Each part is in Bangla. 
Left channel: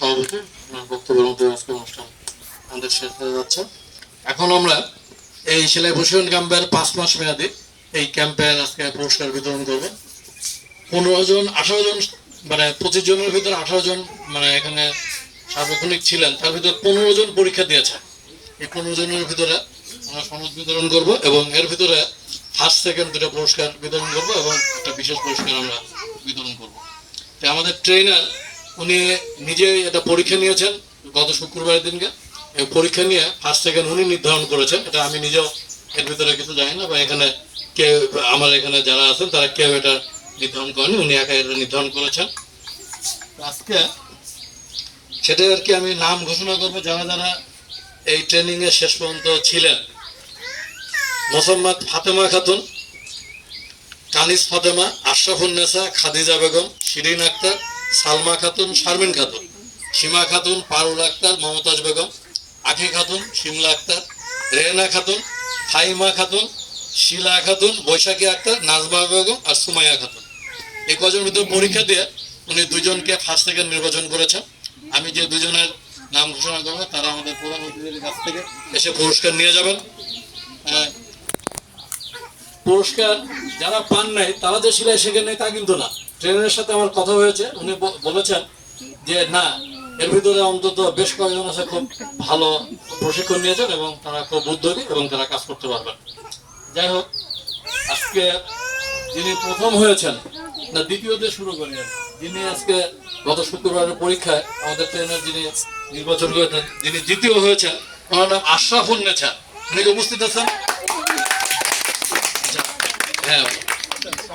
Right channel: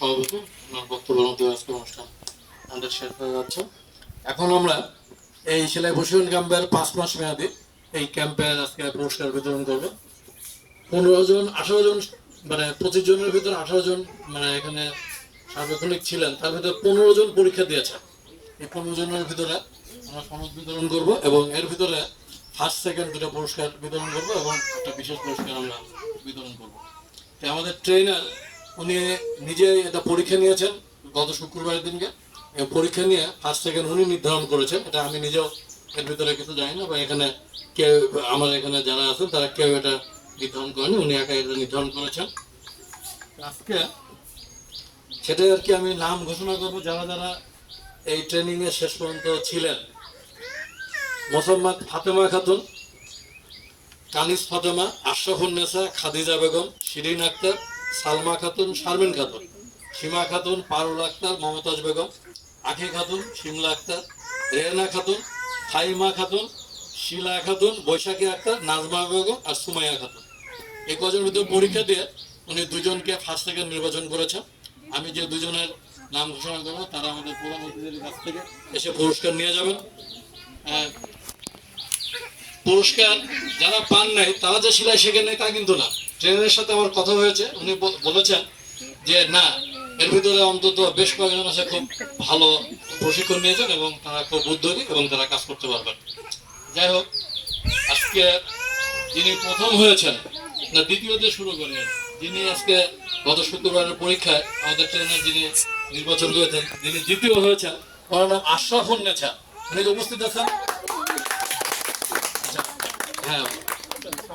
সভাপতি বক্তব্য অনুষ্ঠান আমাদের শেষ হয়ে যাচ্ছে। এখন আমরা এই সেলাই প্রশিক্ষণ ক্যাম্পের 5 মাস মেয়াদী এই ক্যাম্পের আজকে পুরস্কার বিতরণ করবো। 15 জন 18 জন মানে 25 জনের ভিতরে 18 জন মানে এখানে সার্বক্ষণিক ছিলেন, তার ভিতরে 15 জন পরীক্ষা দিয়েছে। এই 15 জনের ভিতরে আমরা সনদ বিতরণ করব এবং এর ভিতরে ফার্স্ট সেকেন্ড দুটো পুরস্কার বিতরণ করব এবং একটা বিশেষ পুরস্কার আমরা বিতরণ করব। তো আমাদের ট্রেনার উনি নিজে এটা পরীক্ষা নিয়েছেন গত শুক্রবারের দিনকে। পরীক্ষা নিয়ে ফার্স্ট সেকেন্ড উনি নির্ধারণ করেছেন। এটা আমি নিজেও এর ভিতরে কিছু জানি না, বা এখানে কেউ আমার এখানে যারা আছেন তারা কেউ এটা নির্ধারণ করেন, উনি একা এটা নির্ধারণ করেছেন। আজকে সেটাই আর কি আমি নাম ঘোষণা করবো যারা যারা এই ট্রেনিং এ শেষ পর্যন্ত ছিলেন। মোসাম্মদ ফাতেমা খাতুন, কানিস ফাতেমা, আশরাফুন্নেসা, খাদিজা বেগম, শিরিন আক্তার, সালমা খাতুন, শারমিন খাতুন, সীমা খাতুন, পারুল আক্তার, মমতাজ বেগম, আখি খাতুন, শিমলা আক্তার, রেহেনা খাতুন, ফাইমা খাতুন, শিলা খাতুন, বৈশাখী আক্তার, নাজমা বেগম আর সুমাইয়া খাতুন। এই কজন ভিতরে পরীক্ষা দিয়ে উনি দুজনকে ফার্স্ট সেকেন্ড নির্বাচন করেছেন। আমি যে দুজনের নাম ঘোষণা করবো তারা আমাদের প্রধান অতিথির কাছ থেকে এসে পুরস্কার নিয়ে যাবেন। পুরস্কার যারা পান নাই তারা যে সেলাই শেখে নেই তা কিন্তু না। ট্রেনারের সাথে আমার কথা হয়েছে, উনি বলেছেন যে না, এর ভিতরে অন্তত বেশ কয়েকজন আছে খুব ভালো প্রশিক্ষণ নিয়েছেন এবং তারা খুব উদ্যোগী এবং তারা কাজ করতে পারবেন। যাই হোক, আজকে যিনি প্রথম হয়েছেন না দ্বিতীয়তে শুরু করি, যিনি আজকে গত শুক্রবারের পরীক্ষায় আমাদের ট্রেনার যিনি নির্বাচন করেছেন, যিনি দ্বিতীয় হয়েছেন, ওনার নাম আশরাফুন্নেসা। উনি উপস্থিত আছেন? হ্যাঁ,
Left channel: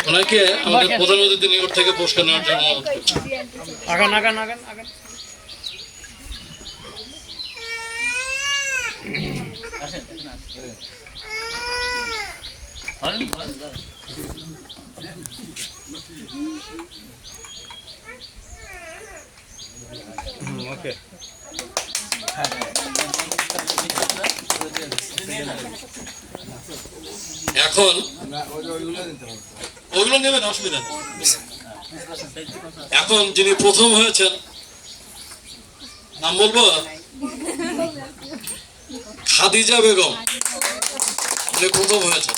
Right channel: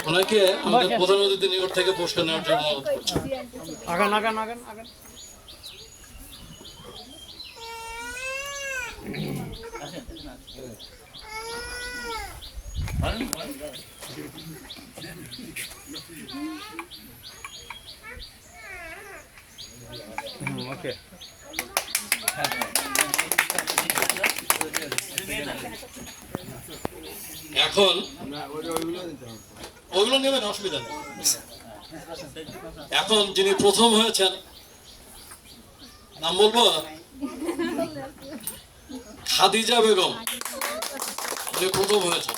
ওনাকে আমাদের প্রধান অতিথি নিকট থেকে পুরস্কার নেওয়ার জন্য এখন ওগুলো নেবেন, অসুবিধা নেই। এখন যিনি প্রথম হয়েছেন নাম বলবো খাদিজা বেগম, যে প্রথম হয়েছেন।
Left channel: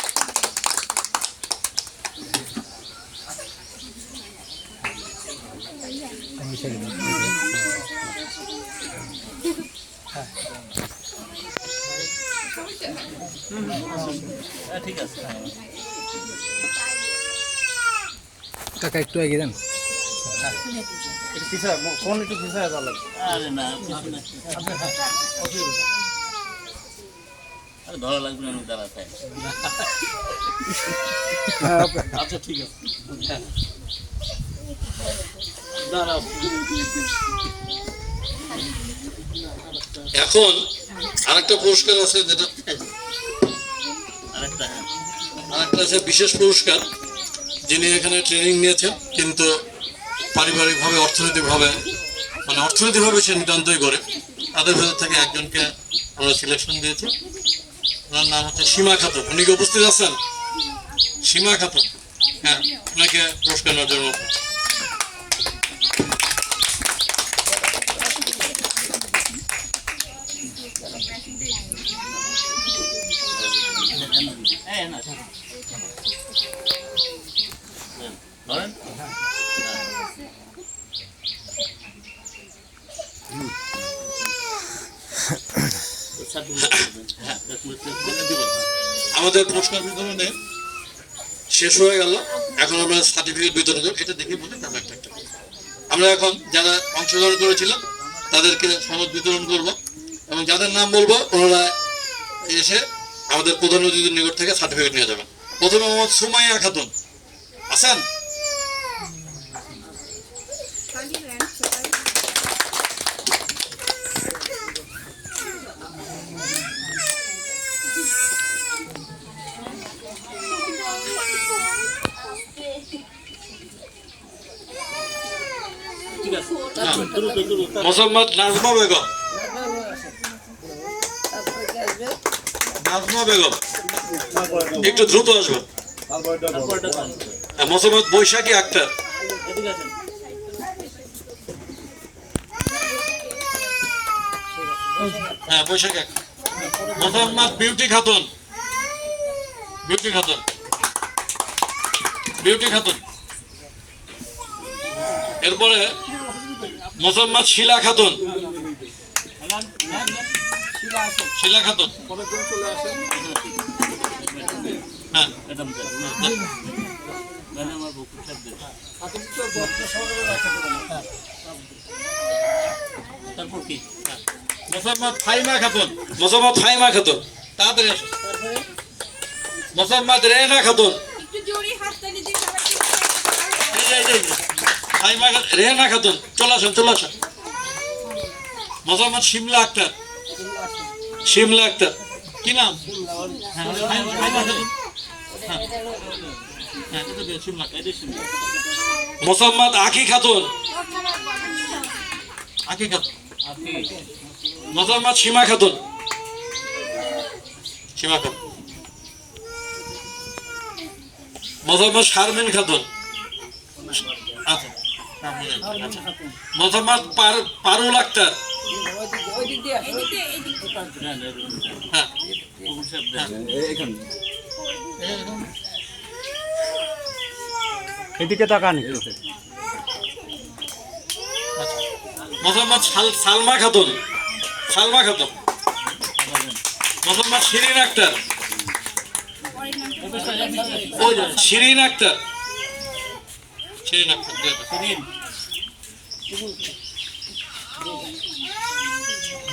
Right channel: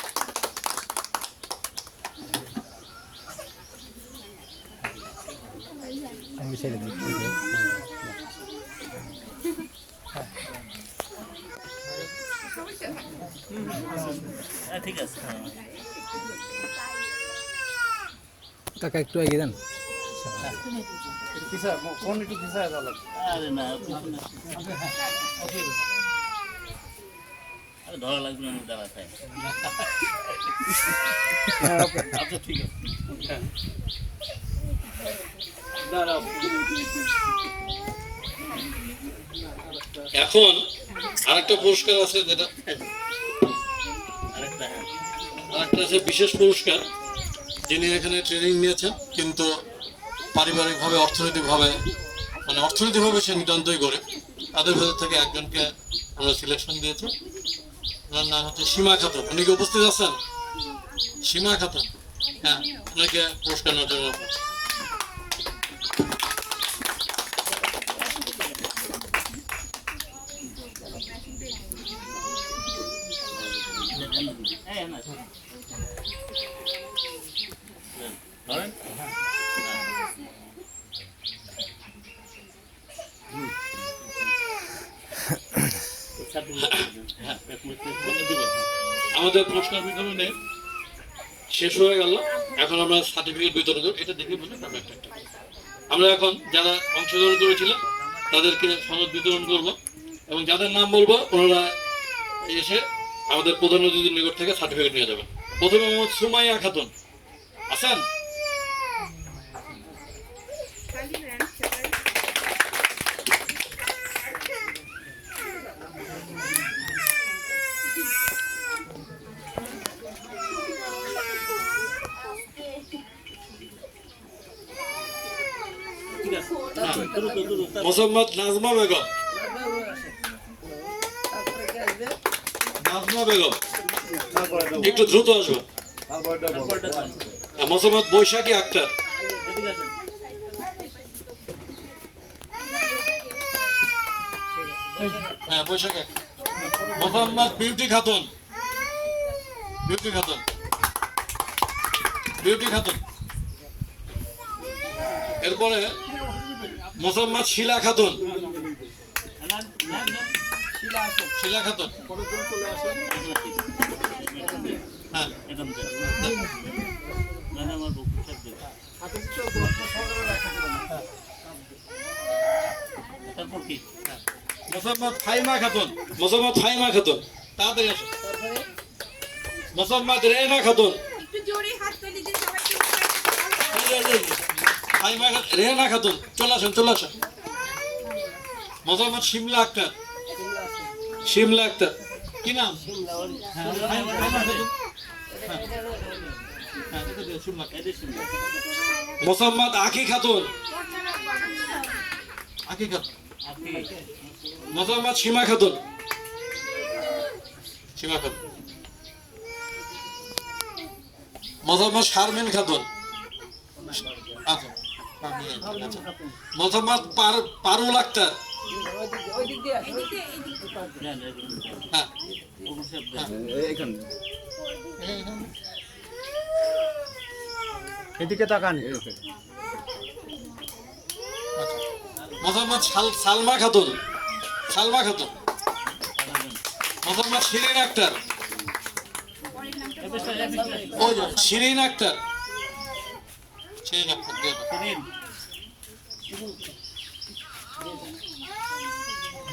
ঠিক আছে কাকা, একটু এগিয়ে দেন। কোন একটু পিছায় যাবেন? আরে না, ধরা লাগবে না, দাঁড়া খাই। আচ্ছা ঠিক আছে। এখন আরেকটা পুরস্কার আছে, যেটা আরেকটা আছে বিশেষ পুরস্কার। যিনি এখানে ট্রেনিং নিয়েছেন কিন্তু পারিবারিকভাবে অর্থনৈতিকভাবে সে নিতান্তই করে, তাদের ভেতর থেকে একজনকে আমরা সিলেকশন দিয়েছি। ওনার নাম হচ্ছে সীমা খাতুন। উনি কি উপস্থিত আছেন? সীমা খাতুন, হ্যাঁ, ওনাকে পুরস্কার নেওয়ার জন্য আমাদের পুরস্কার বিতরণে শেষ হয়ে গেল। এখন আমরা সার্টিফিকেট বিতরণ করব। এটা দেখে বলে আমরা এখন যারা অংশগ্রহণ করেছিলেন তাদেরকে সনদ বিতরণ করব এবং যাদের নাম বলবো ওনারা এসে আমাদের প্রধান অতিথির নিকট থেকে সার্টিফিকেট নিয়ে যাবেন। প্রথমে মোহাম্মদ সুমাইয়া খাতুন আছেন? মোসাম্মদ নাজমা বেগম, একটু দ্রুত আসবেন। মোসাম্মদ বৈশাখী আক্তার, হ্যাঁ বৈশাখ এক। Mohammad beauty Khatun, beauty Khatun, beauty Khatun. এরপরে মোহাম্মদ শিলা খাতুন, শিলা খাতুন। হ্যাঁ তারপর কি? মোসাম্মদ ফাইমা খাতুন, মোসাম্মদ ফাইমা খাতুন, তাড়াতাড়ি আসো। মোসাম্মদ রেনা খাতুন, একটু জোরে হাততালি দিয়ে সবাইকে ফাইমা রেনা খাতুন, চলে আসেন চলে আসেন। মোসাম্মদ শিমলা আক্তার, শিমলা আক্তার। কি নাম? মোসাম্মদ আখি খাতুন, আখি খাতুন। মোসাম্মদ সীমা খাতুন, সীমা খাতুন। মোসাম্মদ শারমিন খাতুন, আচ্ছা। মোসাম্মদ পারুল আক্তার, হ্যাঁ। এদিকে তাকান। মোহাম্মদ সালমা খাতুন, সালমা খাতুন। মোহাম্মদ শিরিন আক্তার, শিরিন আক্তার, শিরিন আক্তার।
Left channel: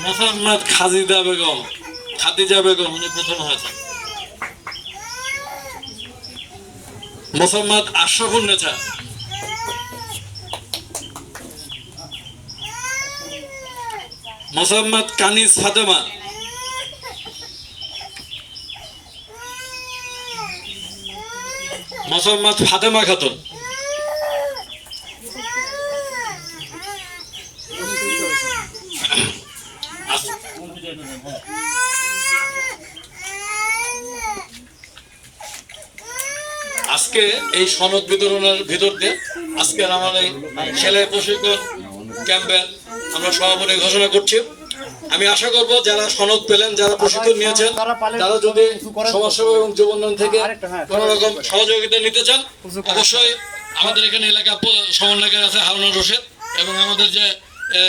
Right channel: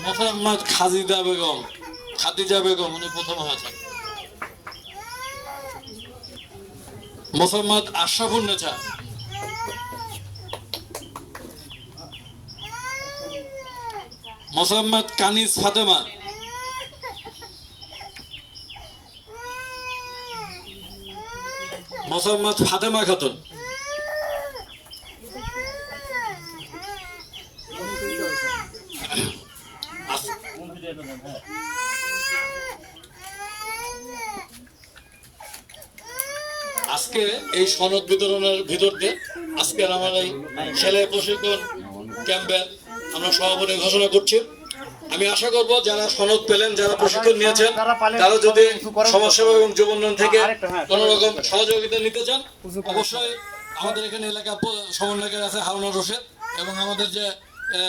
মোহাম্মদ খাদিজা বেগম, খাদিজা বেগম উনি প্রথম হয়েছে। মোহাম্মদ আশরাফুন নেছা, মোহাম্মদ কানিজ ফাতেমা, মোহাম্মদ ফাতেমা খাতুন। আজকে এই সনদ বিতরণের ভিতর দিয়ে আজকের আমার এই সেলাই প্রশিক্ষণ ক্যাম্পের আমরা সভাপতি ঘোষণা করছি। আমি আশা করব যারা সনদ পেলেন, যারা প্রশিক্ষণ নিয়েছেন, তারা যদি সমাজসেবা এবং যুব উন্নয়ন থেকে কোন রকম সহযোগিতা নিতে চান, অবশ্যই আমাদের এখানে এলাকা সমন্বয়কারী আছে হারুনুর রশিদ এবং আমাদের যে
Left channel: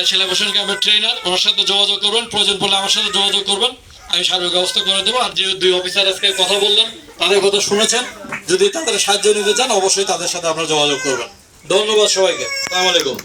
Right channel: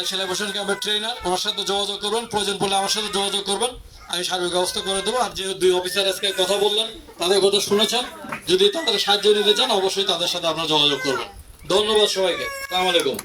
সেলাই প্রশিক্ষণ ক্যাম্পের ট্রেনার, ওনার সাথে যোগাযোগ করবেন। প্রয়োজন পড়লে আমার সাথে যোগাযোগ করবেন, আমি সার্বিক ব্যবস্থা করে দেবো। আর যে দুই অফিসার আজকে কথা বললেন, তাদের কথা শুনেছেন, যদি তাদের সাহায্য নিতে চান অবশ্যই তাদের সাথে আপনারা যোগাযোগ করবেন। ধন্যবাদ সবাইকে। আসসালামু আলাইকুম।